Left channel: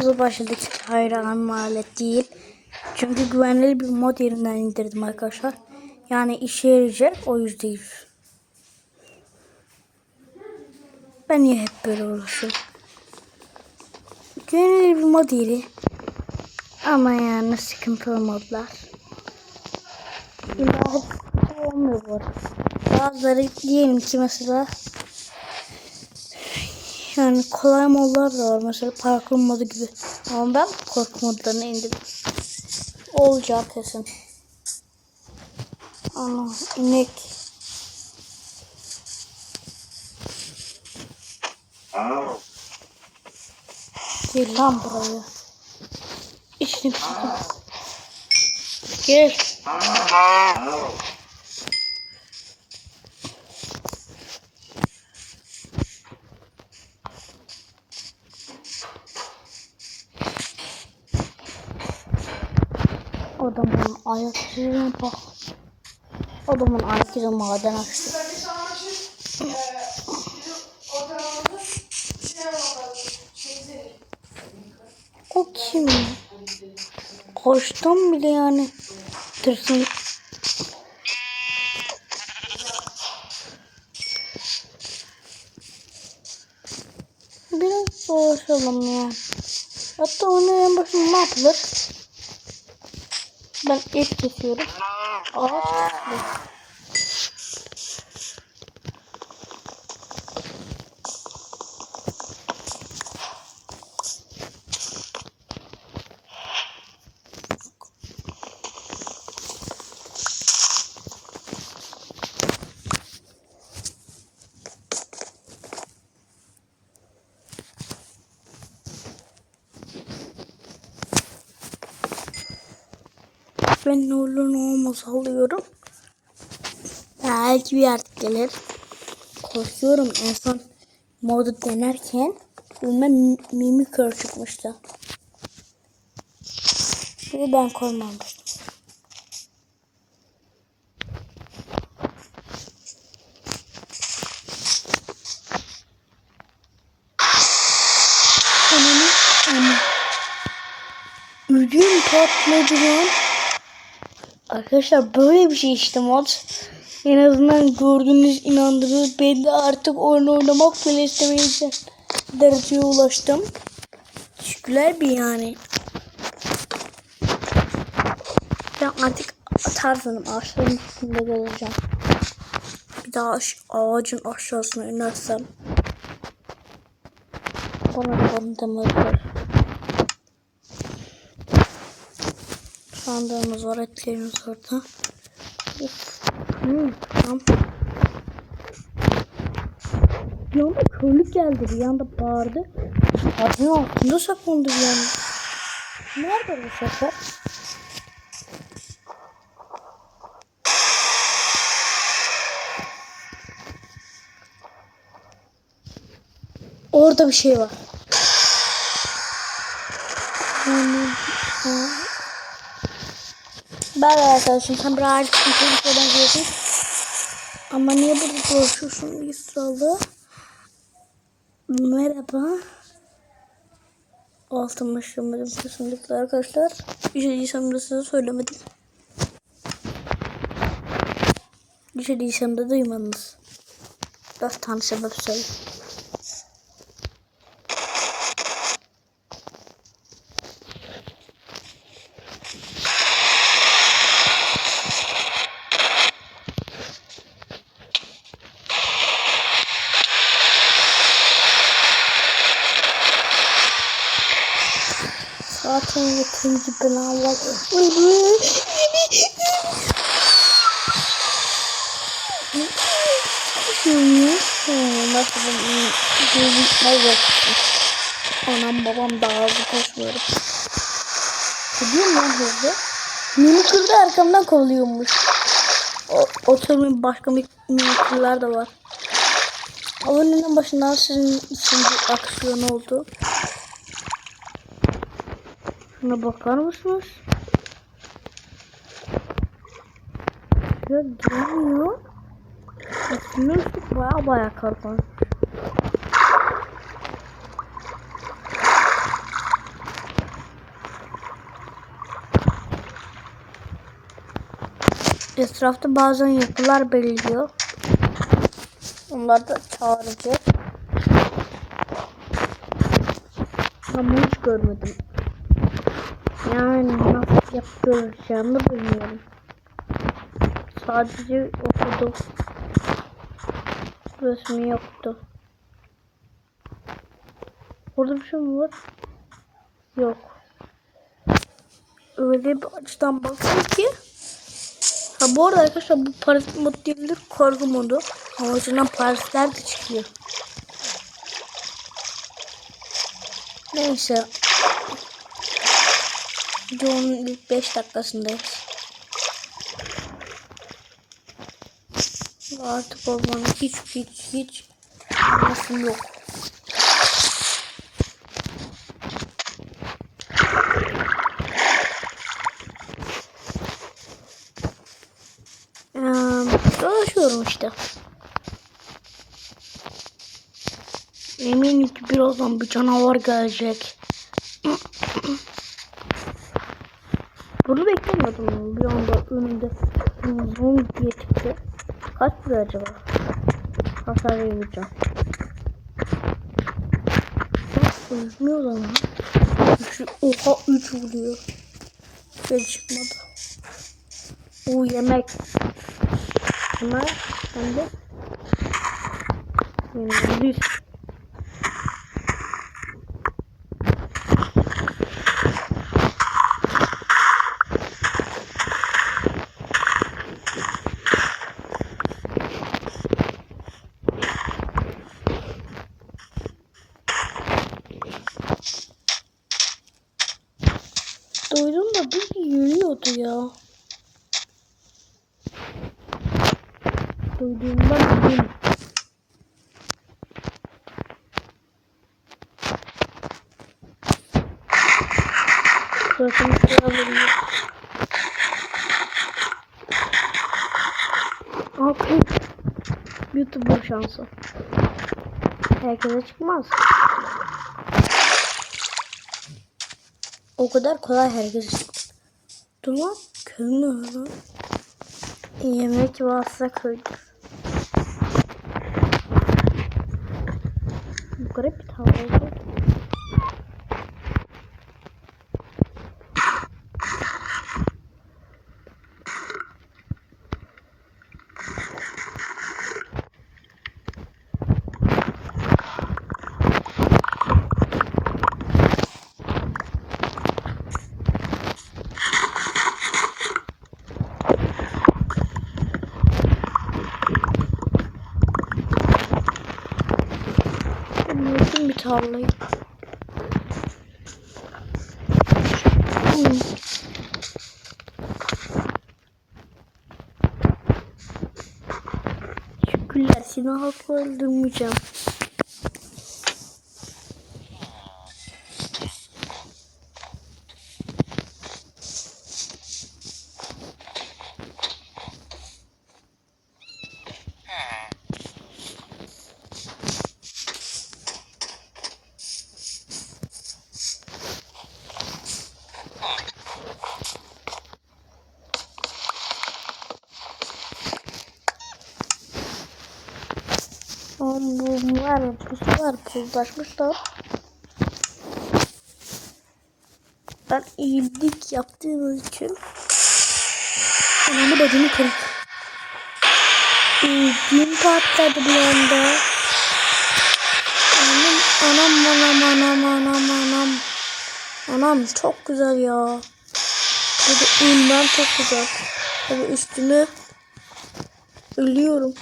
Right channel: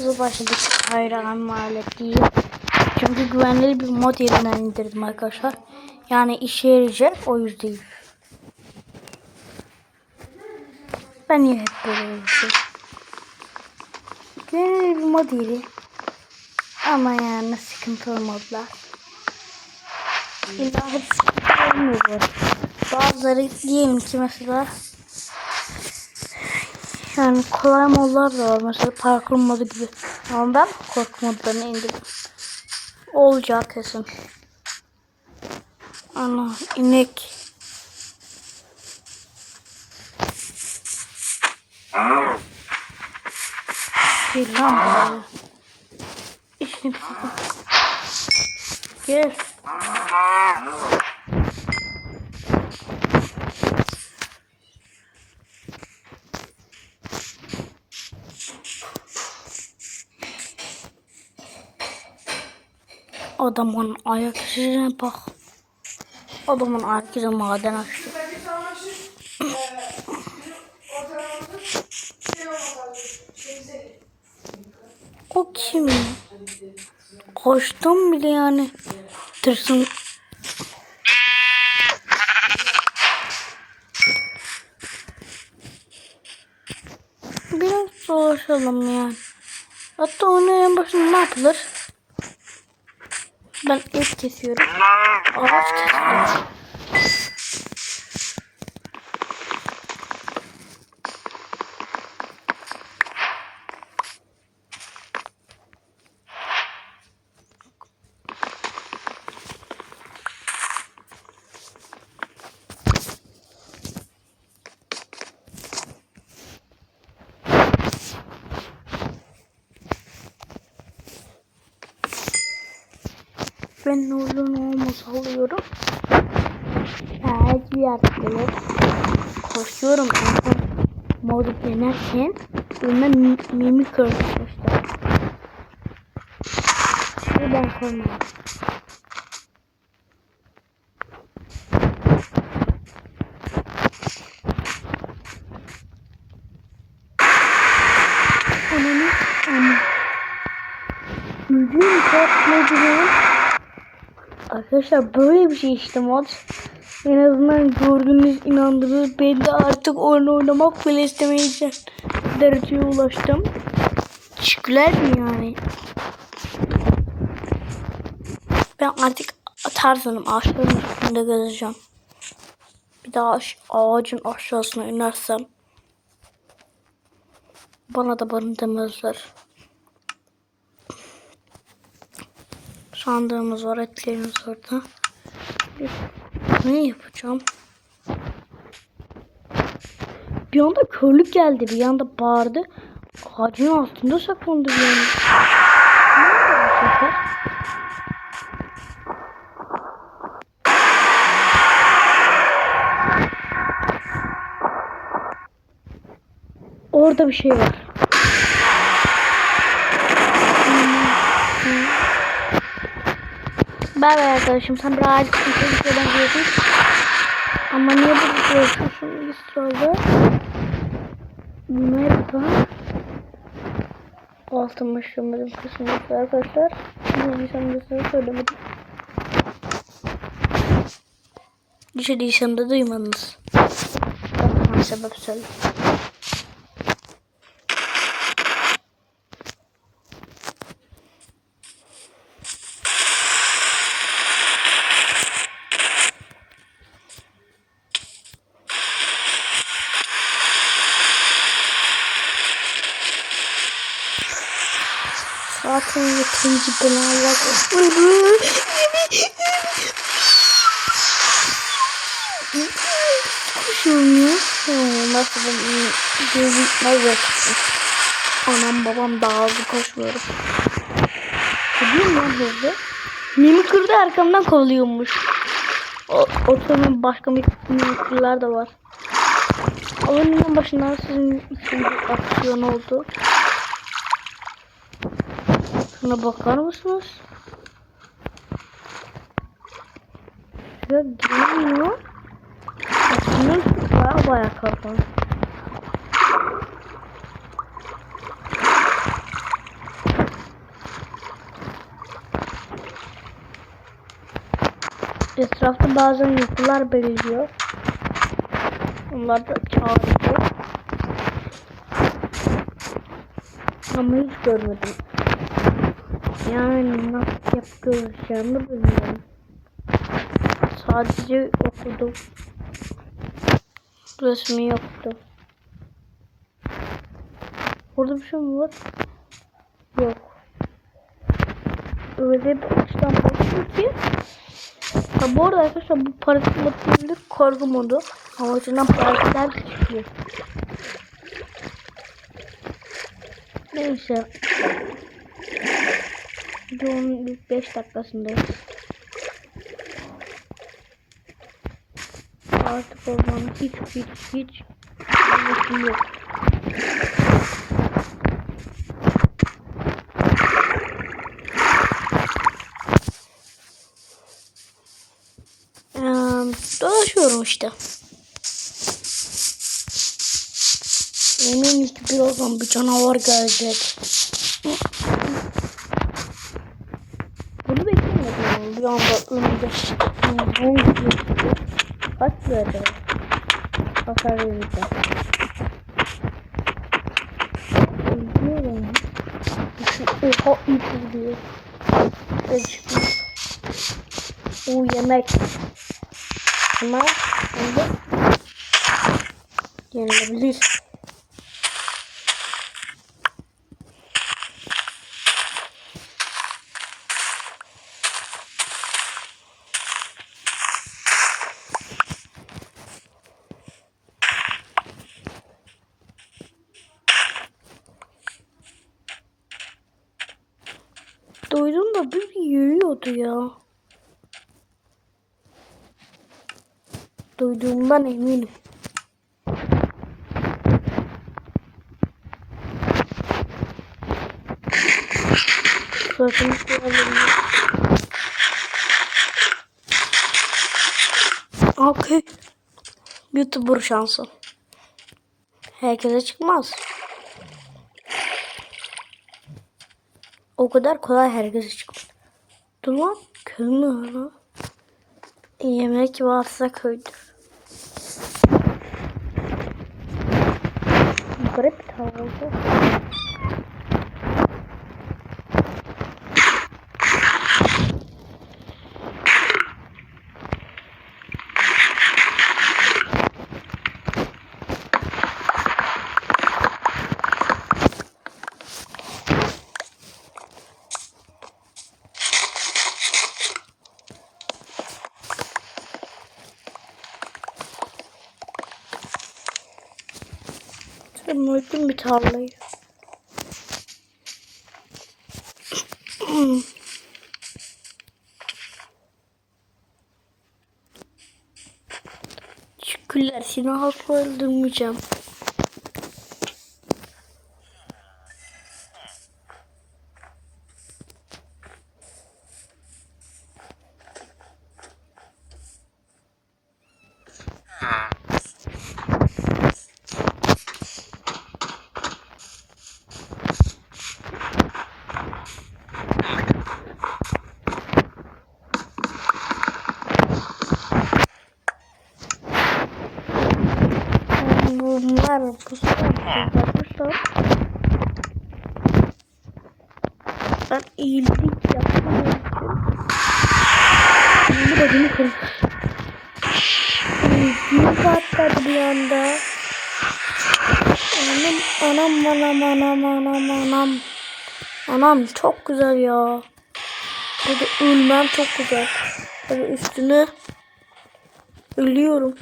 Videomuza başladık. Hayır amalet değil. Çünkü güvenli bir mod yerinden indirdim arkadaşlar. Yani işe yarayacak o yüzden. Ben niye hep böyle uğraşıyorum? Güvenli bir mod yeri. Ama yani sıkıntılı modlar. İlla hep sıkıntı olmuyor. Bazıları diyelim ki mesela yani kolay modlar da var. Mesela parkur modu gibi. Ama ben korku modlarını indirdim. Olacak kesin. Ana inek. Gel lan buraya. İşini bitirdim. Gel. Adamın ayak izine bak. Adamın ayak izi maden açtı. O kim? Koştum bile yani. Tırsın. Biraz dolaşalım yani. Hatta onun en başında ne yapılır? Ben et kesiyorum. Ağaç kesiyorum. Ben ne olur olmaz alıyorum. Belki bir yer gelir. Koşuyorum en son modu denerken önüme mi- mimik örtmüşler. Ve ben koymamıştım. Ananı ama. Ödüm patladı. Arkadaşlar böyle bir şey işte mod. En azından gördüğünüz inandırır. Ben de artık oyun oynamak bile istemeyeceğim dereceye ulaştım. Teşekkürler bir yani. Ben artık Tarzan'ım. Ağaçların üstünde gezeceğim. Bir daha ağacın aşağısına inersem bana da bana demezler. Sandığımız var, etlerimiz orada. Ne yapacağım? Bir anda körlük geldi, bir anda bağırdı. Ağacın altında saklandı bir anda. Nerede bu sefer? Orada bir şey var. De arkadaşım sen bir ağaç kontrolü benziyorsun. Ama niye burada dolaşıyorsun İsrail'de? Merhaba. Altıma şırmadım kesinlikle arkadaşlar. Bir değilsem de size söylemedim. Bir değilsem de duymadınız. Tane sebep söyle. Zaten yeterince. Kuşum ya. Hmm, Nasıl gözükmez yakışır. Anam babam daha hızlı koşmuyorum. Gidiyorum lan hızlı. Mimi kırdı arkamdan kovalıyormuş. O, otomun başka mimikırlar da var. Oyunun başından sizin için bir aksiyon oldu. Şuna bakar mısınız? Şuraya girmiyor. Açılmış baya baya kalkan. Etrafta bazen yapılar beliriyor. Onlar da çağırıyor. Ama hiç görmedim. Yani nasıl yap göreceğimi bilmiyorum. Sadece okudum. Resmi yoktu. Orada bir şey mi var? Yok. Öyle bir açıdan baktım ki Ha bu arada arkadaşlar bu parasit mod değildir korku modu. Ama içinden parazitler de çıkıyor. Neyse. Videonun ilk 5 dakikasındayız. Artık ormanın hiç hiç hiç anlasım yok. Dolaşıyorum işte. Eminim ki birazdan bir canavar gelecek. Bunu beklemiyordum yani. Bir anda önümde bum diye çıktı. Kaç lira acaba? Hasar vereceğim. Ölmüyor lan. Oha 3 vuruyor. Çıkmıyor. O yemek. Ama hem de yenilebilir. Duydum da bir, bir yürüyordu ya. Duyduğumdan eminim. Suratımı sıyabiliyor. Okey. YouTuber şansı. Herkese çıkmaz. O kadar kolay herkese çıkmaz. Dur lan. Kömür lan. Yemek varsa köydür. Garip bir tavır oldu. Ben öldüm bir tarlayı. Hmm. Şükürler seni asla öldürmeyeceğim. Yeni bacımı kırdım. Gün patladı bir anda. Anam anam anam anam anam anam. Anam çok güzel ya. Burada ölmem çok güzel. Tabii üstüne ölüyorum.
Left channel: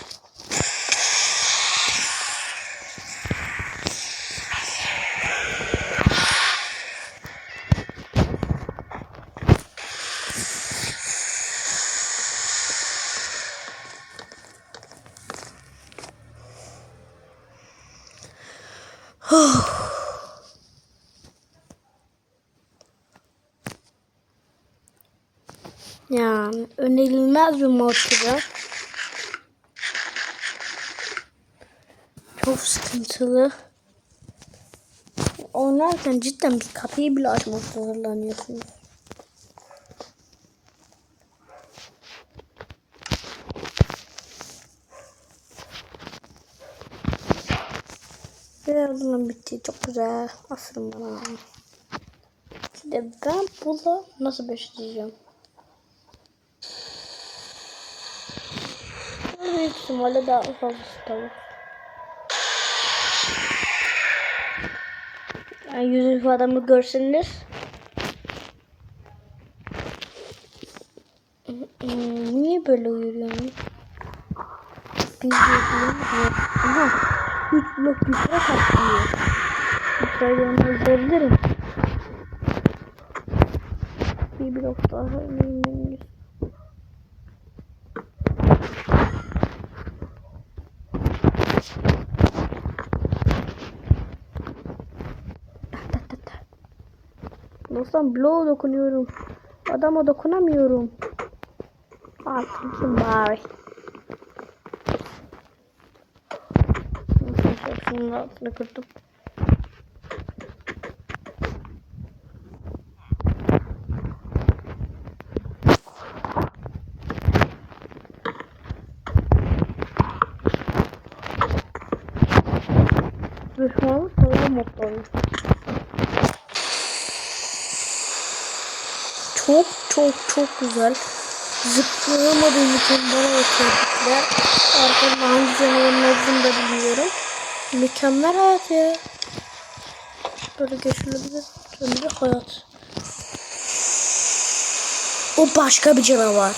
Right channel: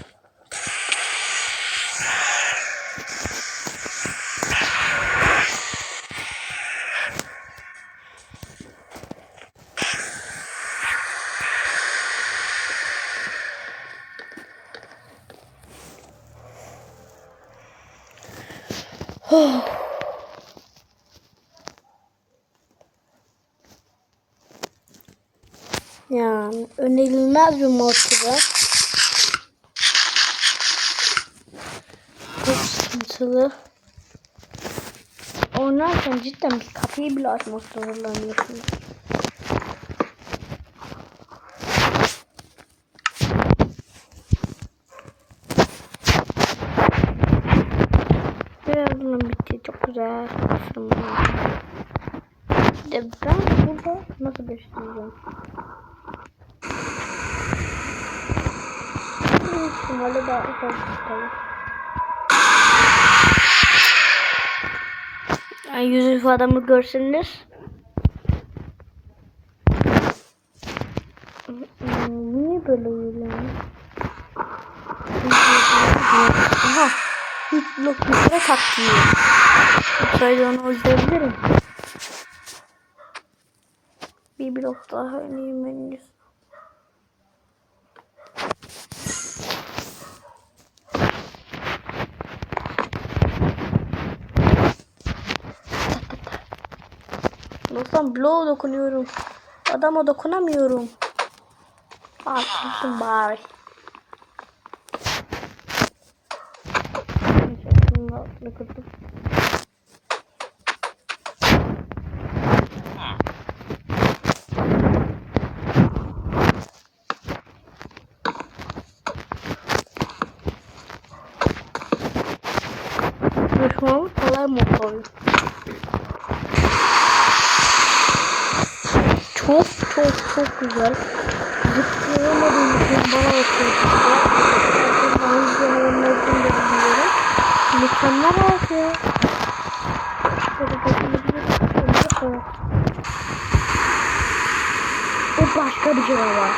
Stadyum oturuyor. Çok sıkıntılı. Oynarken cidden bir kapıyı bile açmak zorlanıyorsun. Birazdan bitti. Çok güzel. Aferin bana. Şimdi ben burada nasıl besleyeceğim? Büyük ihtimalle daha fazla tavuk. Yani yüz ifademi görseniz. Niye böyle yürüyorum? Aha. Üç blok yukarı katlıyor. Yukarıda onu öldürebilirim. Bir blok daha öneyim henüz. Dostum bloğa dokunuyorum. Adama dokunamıyorum. Haklısın bari. Neyse, Şunun altını kırdım. Düşmanı kolay mod oluyor. Çok çok çok güzel. Zıplayamadığım için bana oturdu. Arkamda hangi canavarın olduğunu da bilmiyorum. Mükemmel hayat ya. Böyle düşünebilir. Ömrü hayat. O başka bir canavar.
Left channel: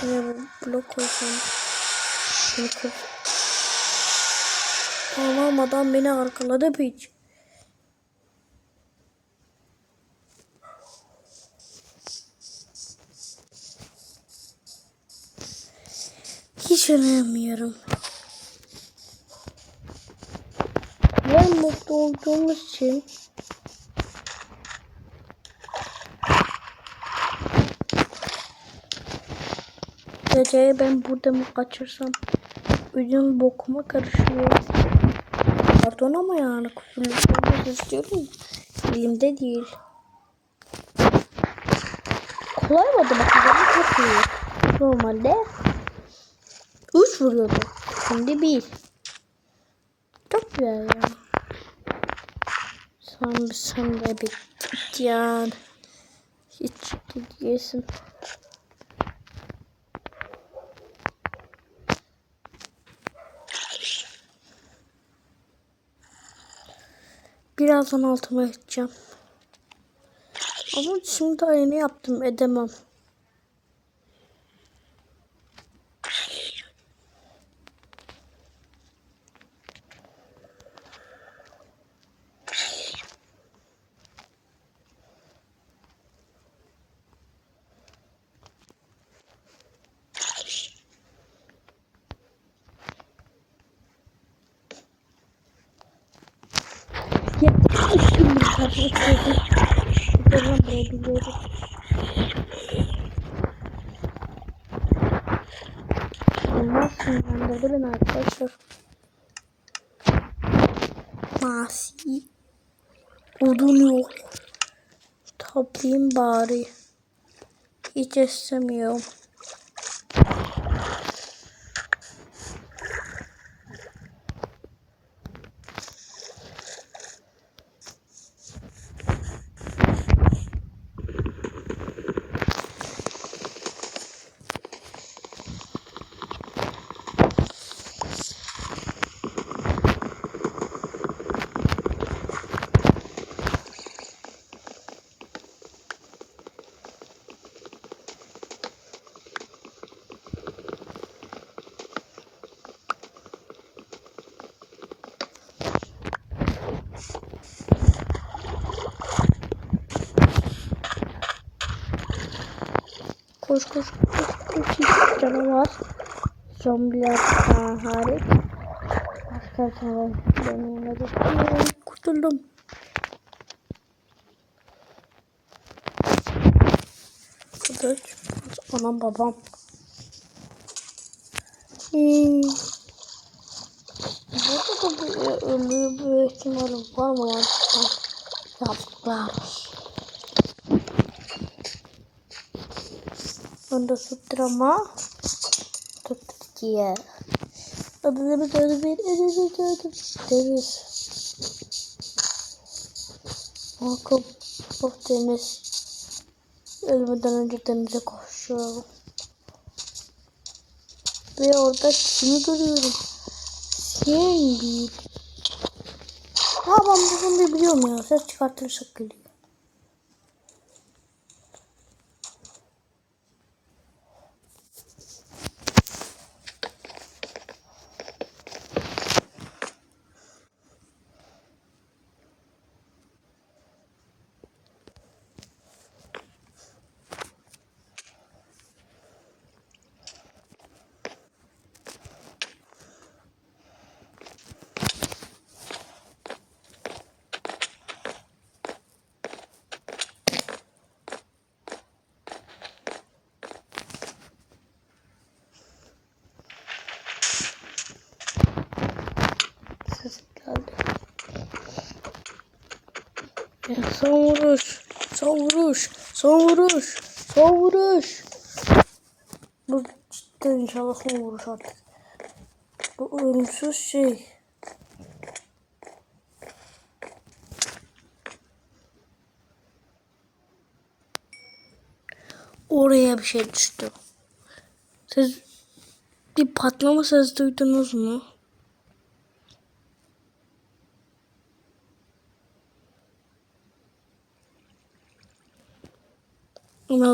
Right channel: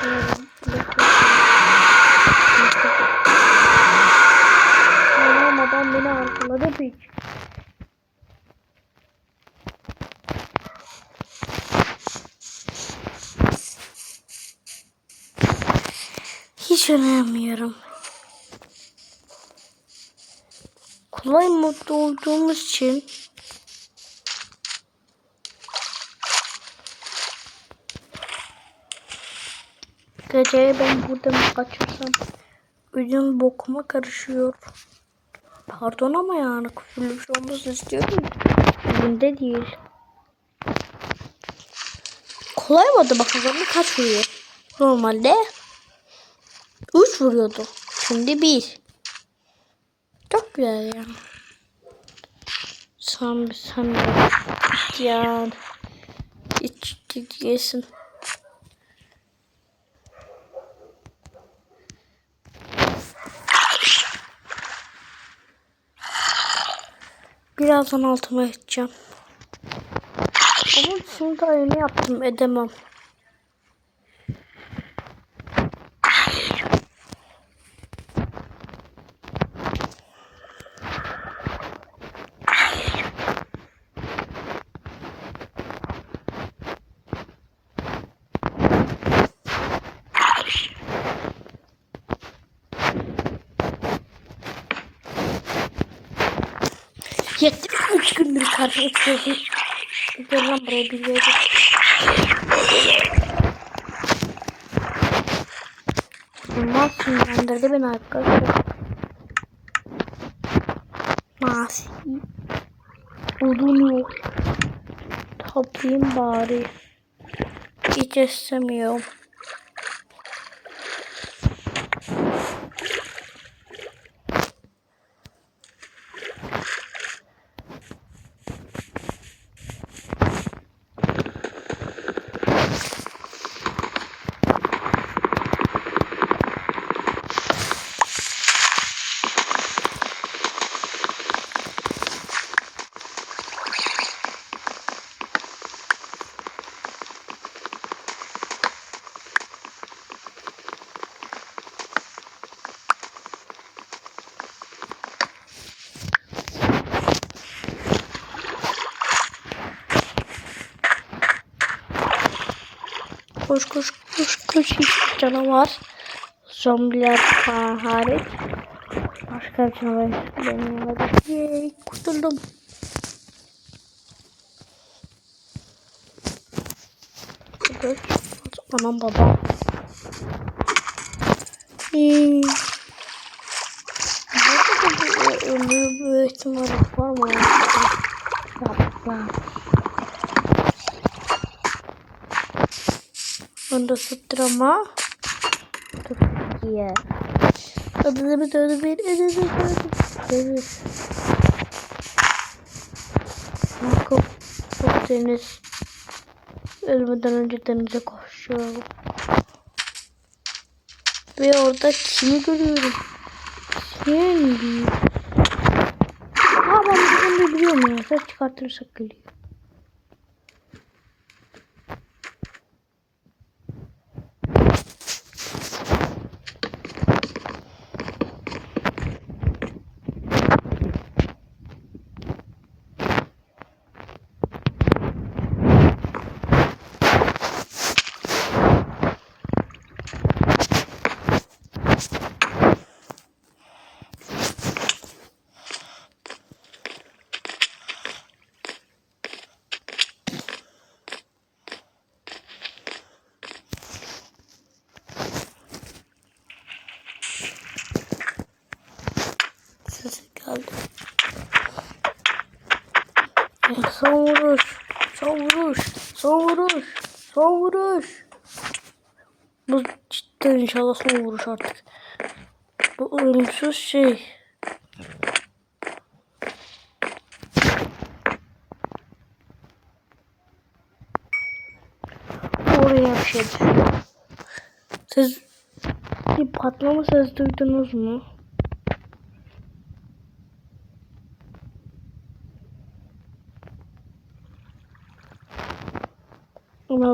Şöyle bir blok koyayım. Anam adam beni arkaladı hiç. Hiç önemmiyorum. Kolay modda olduğumuz için Geceye ben burada mı kaçırsam Ödüm bokuma karışıyor. Pardon ama yani küfürlük olması istiyorum. Elimde değil. Kolay mıydı bakalım kaç vuruyor? Normalde 3 vuruyordu. Şimdi 1. Çok güzel ya. Sen sen de yani hiç diyesin. Birazdan altıma edeceğim. Ama şimdi yeni yaptım edemem. Yeter üç gündür karşıma çıkıyorsun. Gel lan buraya yere. Olmaz sinirlendirdi beni arkadaşlar. Masi. Odun yok. Toplayayım bari. Hiç istemiyorum. Koş koş koş koş canavar. Zombiler hariç. Başka bir canavar benim yanımda. Kurtuldum. Evet. Anam babam. Hmm. Burada da bir ölü bir var mı? Yaptılar. Bunda sıttırama. Türkiye. Adını tanı bir, adını tanı. Deniz. Yakup, çok deniz. Ölmeden önce denize koşuyorum. Ve orada kimi görüyorum? Şimdi. Ha ben bunu biliyorum ya. Ses çıkartırsak geliyor. Sesi geldi. Ya, Son vuruş. Son vuruş. Bu cidden inşallah son vuruş artık. Bu ölümsüz şey. Oraya bir şey düştü. Siz bir patlama sesi duydunuz mu?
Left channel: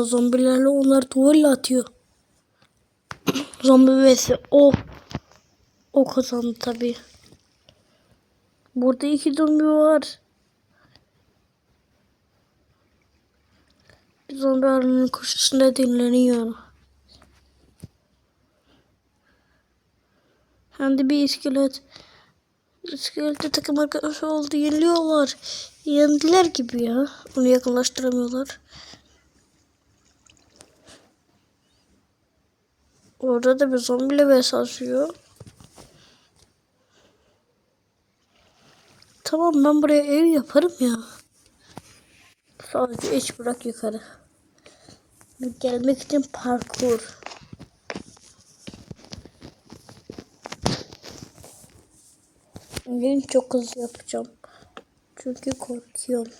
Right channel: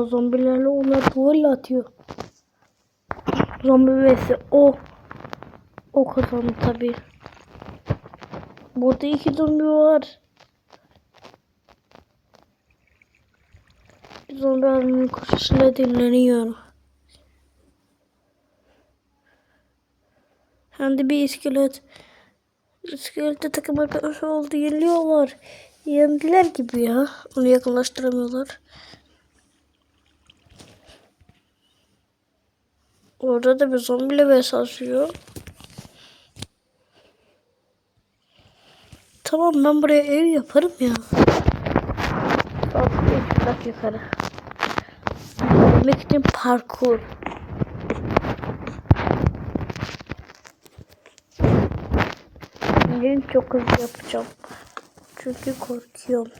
Zombilerle onlar duvarla atıyor. Zombi vs o. O kazandı tabi. Burada iki zombi var. Zombi arının koşusunda dinleniyor. Hem de bir iskelet. İskelette takım arkadaşı oldu. Yeniliyorlar. Yendiler gibi ya. Onu yakınlaştıramıyorlar. Orada da bir zombiyle vs. Tamam ben buraya ev yaparım ya. Sadece hiç bırak yukarı. Denemek için parkur. Benim çok hızlı yapacağım. Çünkü korkuyorum.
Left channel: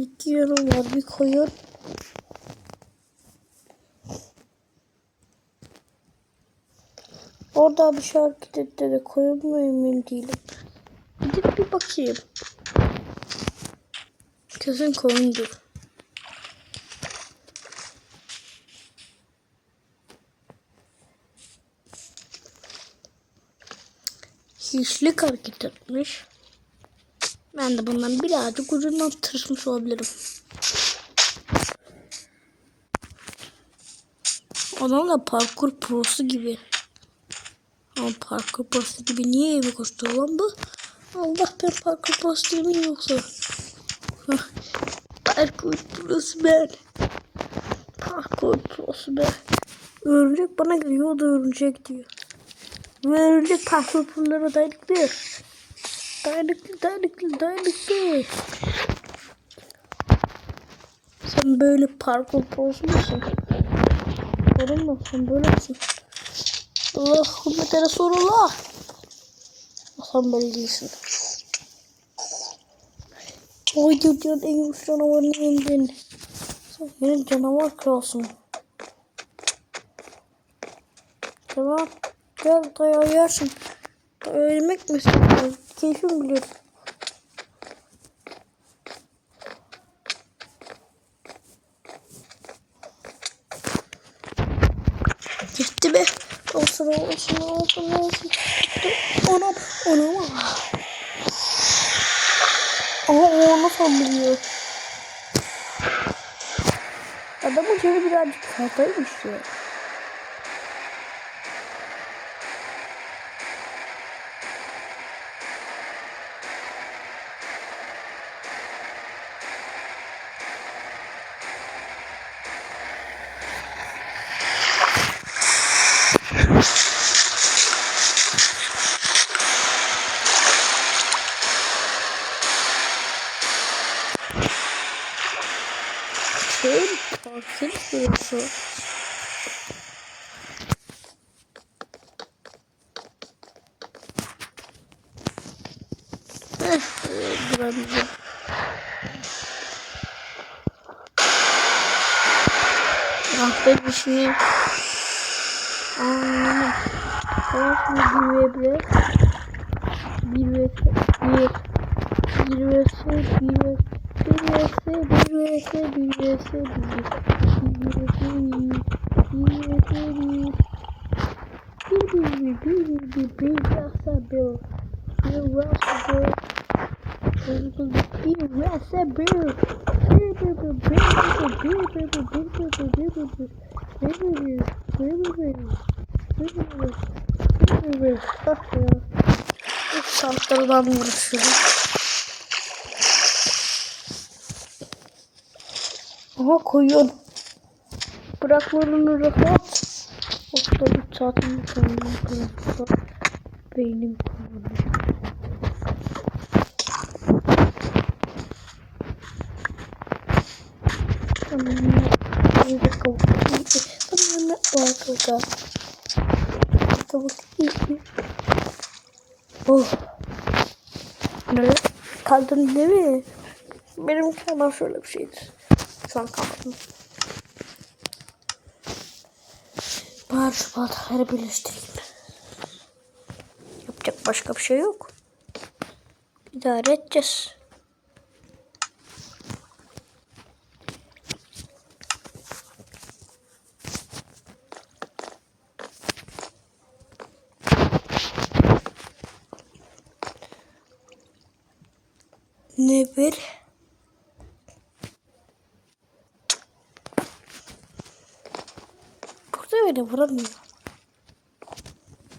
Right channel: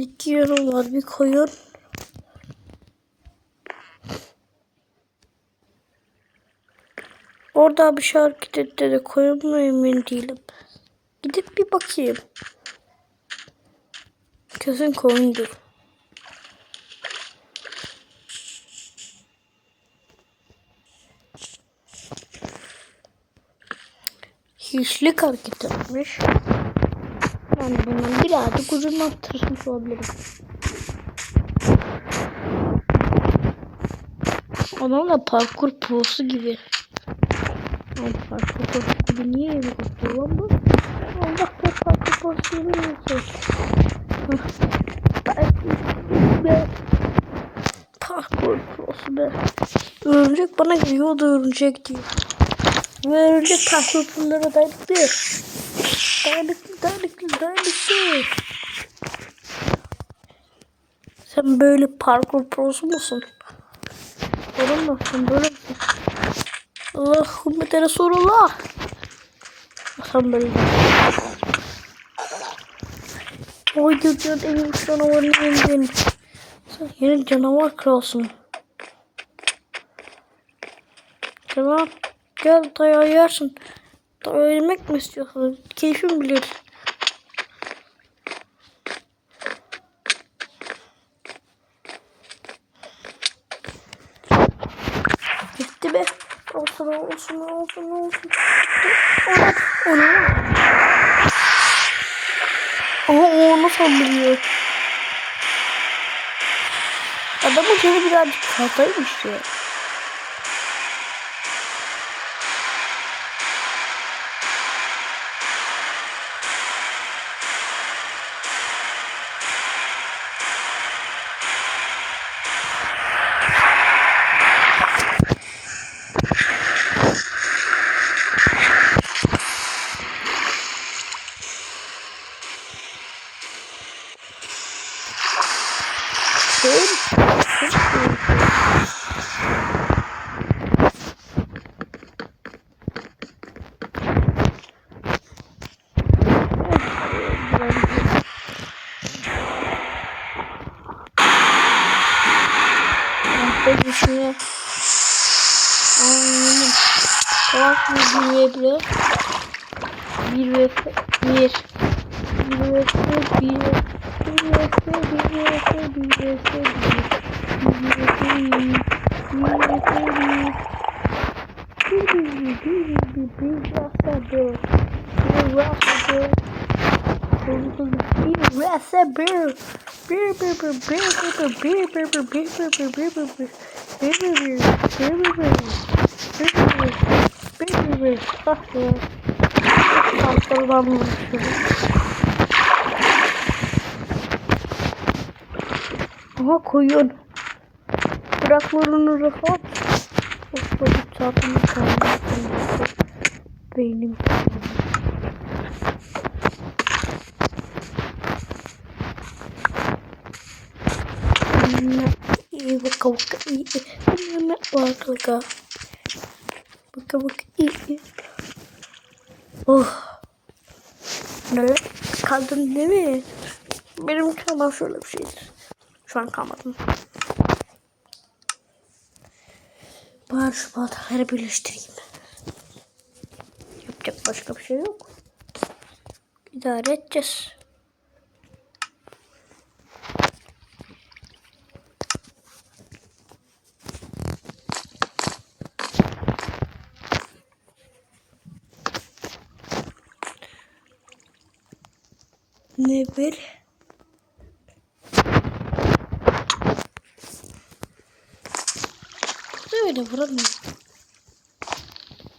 İki var. Bir koyun. Orada bir hareket etti de koyun mu emin değilim. Gidip bir bakayım. Kesin koyundur. Hiçlik hareket etmiş. Ben de bundan birazcık ucundan tırsmış olabilirim. Adam da parkur prosu gibi. Ama parkur prosu gibi niye eve koştu lan bu? Allah be parkur prosu yoksa? Hah. Parkur prosu be. Parkur prosu be. Örümcek bana geliyor da örümcek diyor. Ve örümcek parkur prosulara dayanıklıyor. Dayanıklı, dayanıklı, dayanıklı. Sen böyle parkur prosu musun? Olur mu? Sen böyle misin? Allahümme Resulullah. Sen böyle değilsin. Oy dünyanın en güçlü canavarını yendin. Sen yeni canavar kralsın. Tamam. Gel dayağı yersin. Yemek mi istiyorsun? Keyfim bilir. Gitti be. Olsun olsun olsun olsun. Ona ona. Ama o onu sandırıyor. Adamın canı birazcık fazlaymış ya. Şey, düşmeye. Anladım. Tamam şimdi bir ve bir. Bir ve bir. Bir ve bir. Bir ve bir ve bir ve bir ve bir. Bir ve bir. Bir gibi. Bak ya. Santırdan vuruşuyor. Aha koyun. Bıraklarını rahat. Of da bu çatımı kaynaklanıyor. Beynim kaynaklanıyor. Here we go. I'm not like a Kavuk iyi. Oh. Ne? Kaldın değil mi? Benim kalmam şöyle bir şeydir. Şu an kalmadım. Bari şu bardakları birleştireyim. Yapacak başka bir şey yok. İdare edeceğiz. Ne bir? Burada öyle vuramıyor.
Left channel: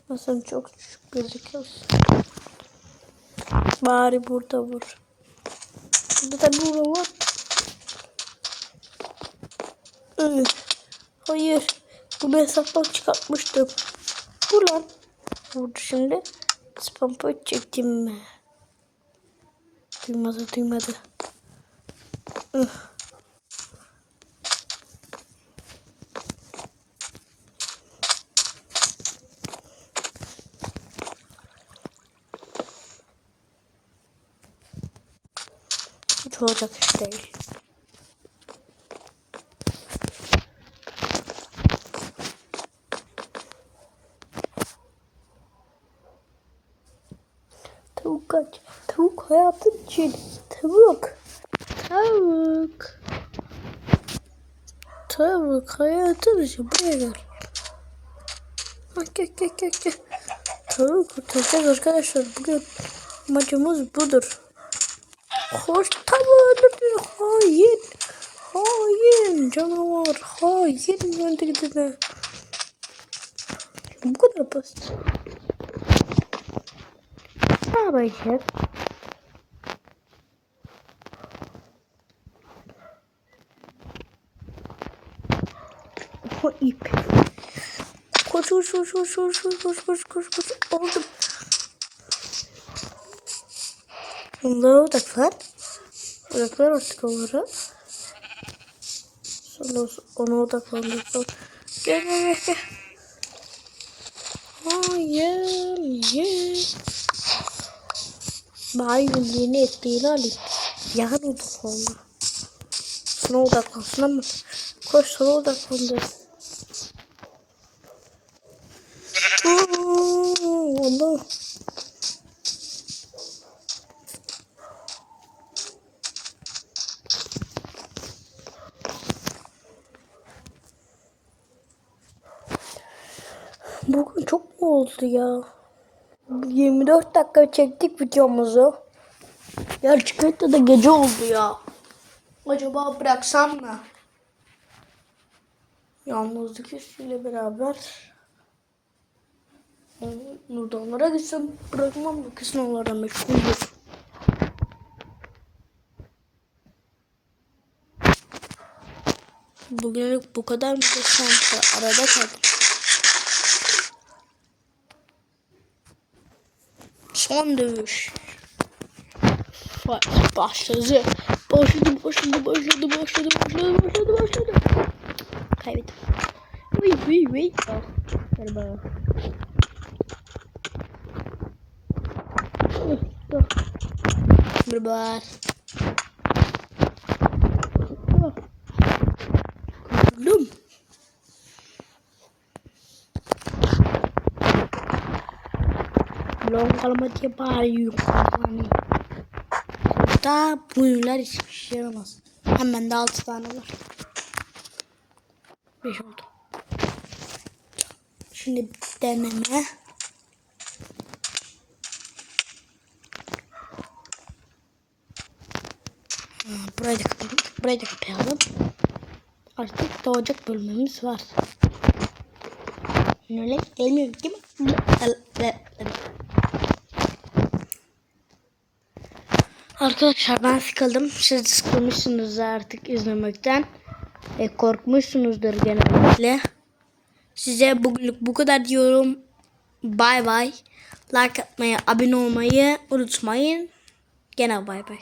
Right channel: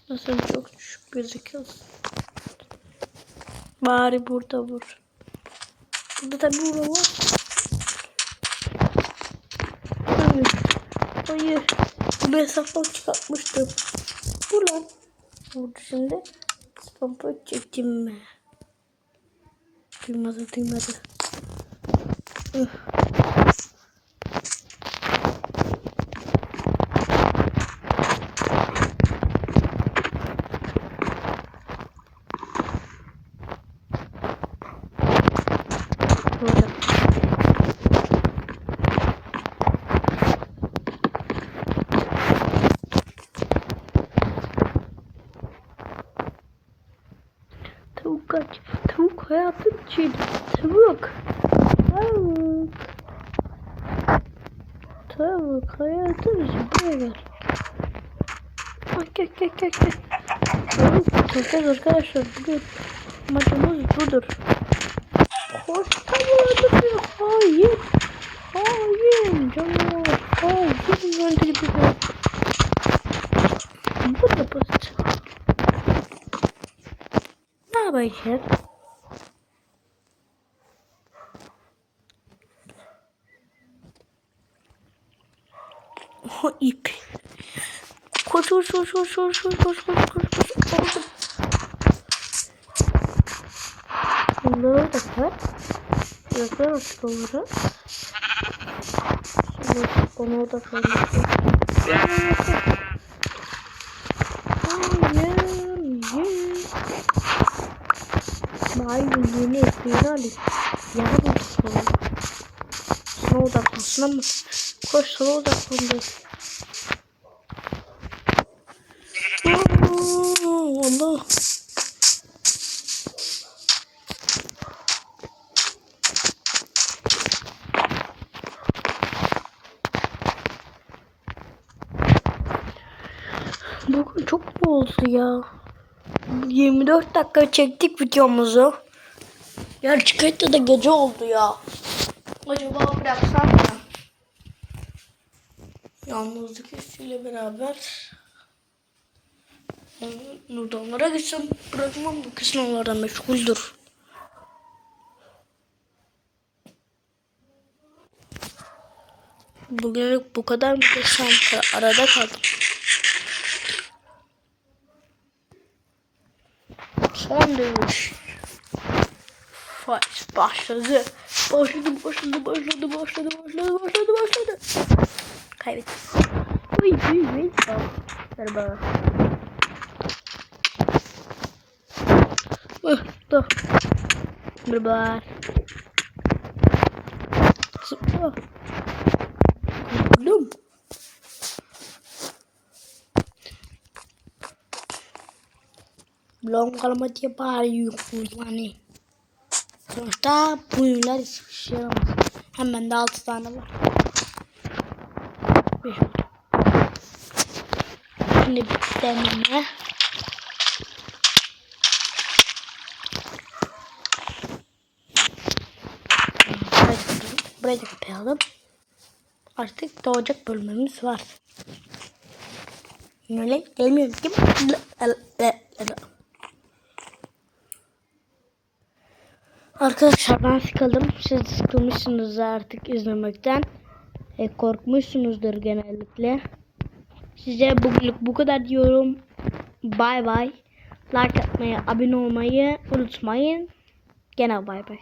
Nasıl çok düşük gözüküyorsun. Bari burada vur. Burada tabi vura var. Hayır. Hayır. Bu hesaplık çıkartmıştım. Bu lan. Vurdu şimdi. Spam point çektim mi? Duymadı duymadı. Üh. Tavuk hayatım için. Tavuk. Tavuk. Tavuk hayatım için. Buraya gel. Ay gel gel gel gel. Tavuk tutacağız arkadaşlar. Bugün amacımız budur. Hoş tavuğunu bir hain. Hain canavar. Hain öldürdü de. Bu da basit. Yapacağız? O ip. Koş koş koş koş koş koş koş koş koş koş. Oldu. Bunları da kır. Bıraklar artık onları. Sonra onu da kırmışım. Gel gel gel. Hayır, hayır. Maymun yeni ettiğini alayım. Yarın sonra. Sana odaklansın ama. Koş sana odaklandı. Allah. Bugün çok mu oldu ya? 24 dakika çektik videomuzu. Gerçekten de gece oldu ya. Acaba bıraksam mı? Yalnızlık hissiyle beraber Nurdanlara gitsem bırakmam bu kız onlara meşguldür. Bugünlük bu kadar mı arada kaldım. Son dövüş. Fight başladı. Başladı, başladı, başladı, başladı, başladı, başladı, başladı. Kaybettim. Uy, uy, uy. Oh, ver bana. Uh, dur. Bir bak. Zıpla. Kurtuldum. Long kalma diye bağırıyor yani. Sonuçta bu ürünler hiçbir şey yaramaz. Hemen de 6 tane var. 5 oldu. Şimdi bir deneme. Burayı da kapayalım. Burayı da kapayalım. Artık doğacak bölümümüz var. Öyle gelmiyor ki. Arkadaşlar ben sıkıldım. Siz sıkılmışsınız artık izlemekten. E, korkmuşsunuzdur genellikle. Size bugünlük bu kadar diyorum. Bay bay. Like atmayı, abone olmayı unutmayın. Gene bay bay.